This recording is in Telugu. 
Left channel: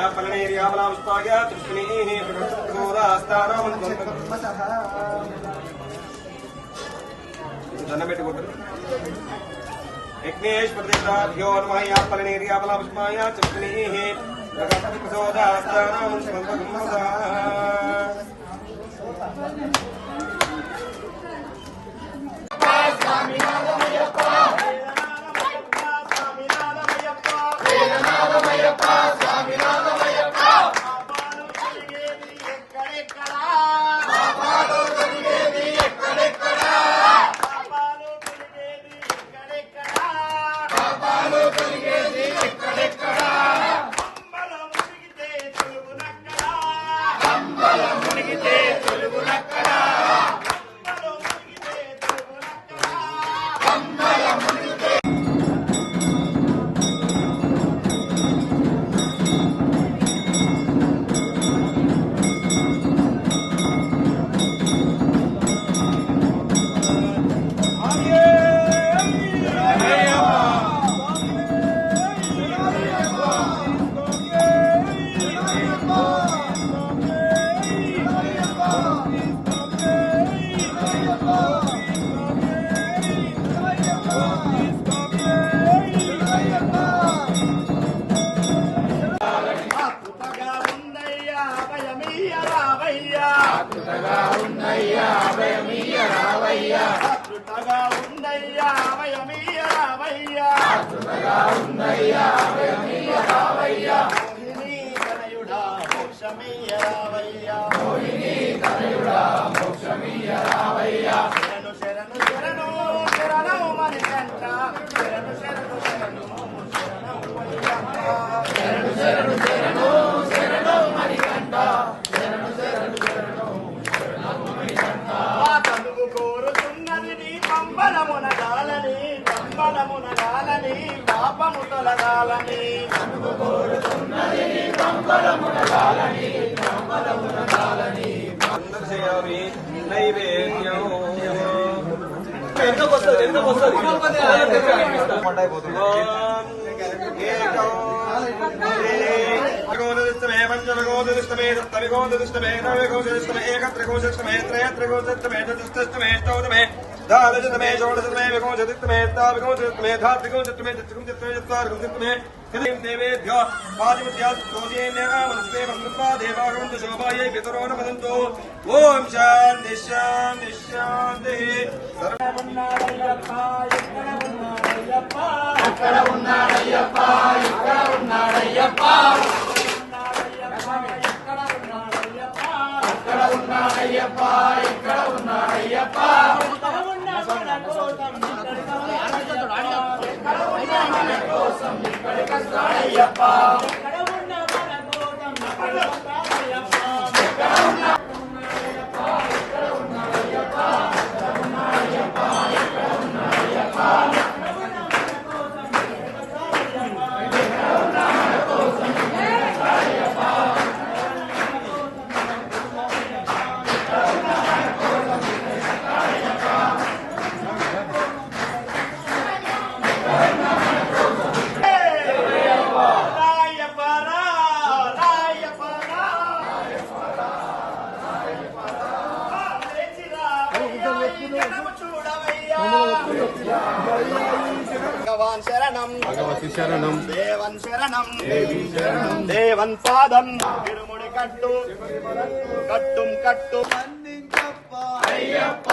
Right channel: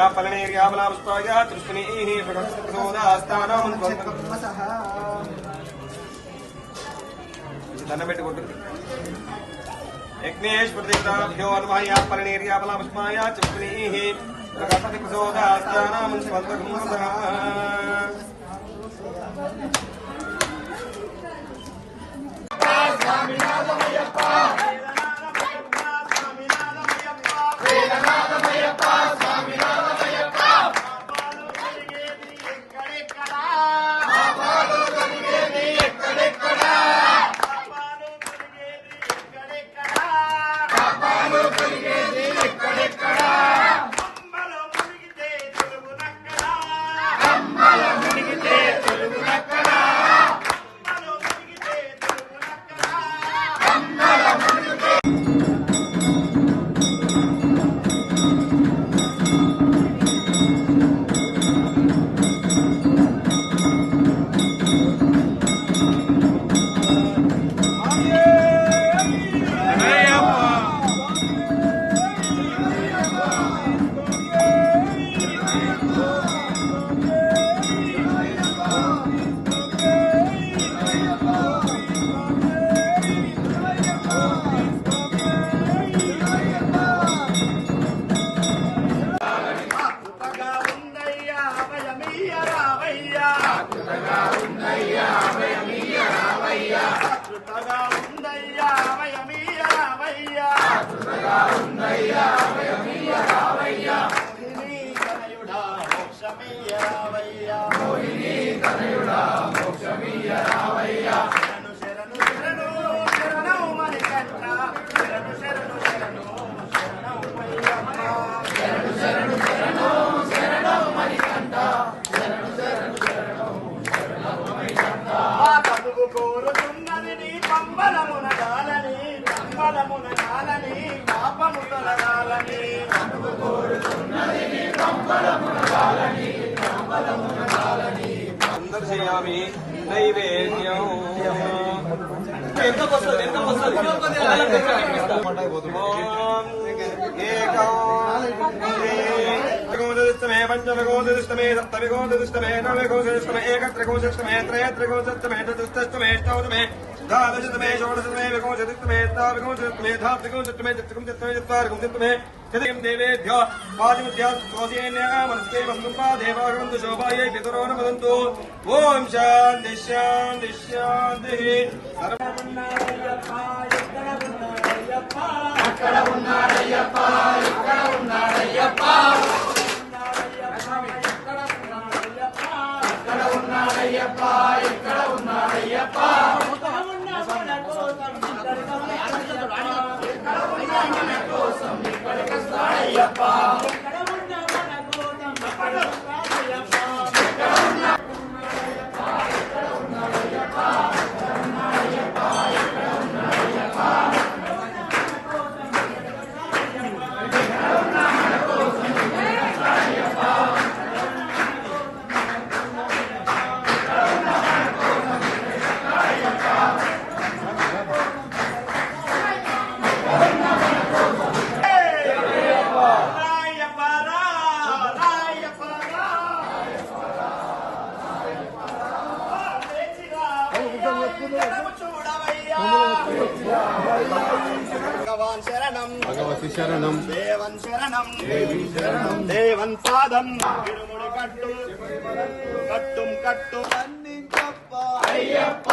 या फलनेर्याफलापुष्पाय तृष्णीः प्रगतस्रोदास्तानं దండం పెట్టుకుంటారు. యజ్ఞేష్ ప్రతిష్టాభ్యో నమః యా ఫలనేర్యాఫలాపుష్పాయ తృష్ణీः ప్రగతస్రోదాస్తానం అందర్శయామి నైవేద్యం ఎంత వస్తుంది ేకమే పంచమగోదృష్టమే సప్తమిగోదృష్టమే నవగోదృష్టమే ఏకత్రిగోదృష్టమే త్రయత్రిగోదృష్టమే చతుష్టమే ష్టౌతమే దాలజతమే షోడశతమే విగోదృష్టమే తావిగోదృష్టమే ధాత్రిగోదృష్టమే చతుర్గోదృష్టమే చత్వారిగోదృష్టమే కృతిం దేవేభ్యో పాదిముద్యాస్తోసేన్యమనస్తే వసుపా దేవాగంతు శోభాయై పితరో నమదంతు ఓం శాంతి శాంతి శాంతి అక్కడ ఉన్నాడయ్యప్ప ఇక్కడ ఉన్నాడయ్యప్ప అక్కడ ఉన్నాడయ్యప్ప ఇక్కడ ఉన్నాడయ్యప్ప కోసం ఇక్కడికి వస్తాడయ్యప్ప భగవాన్ శరణం భగవతి శరణం దేవన్ శరణం దేవి శరణం దేవన్ పాదం ఇరుముడి కట్టు కట్టుం కట్టు అయ్యప్ప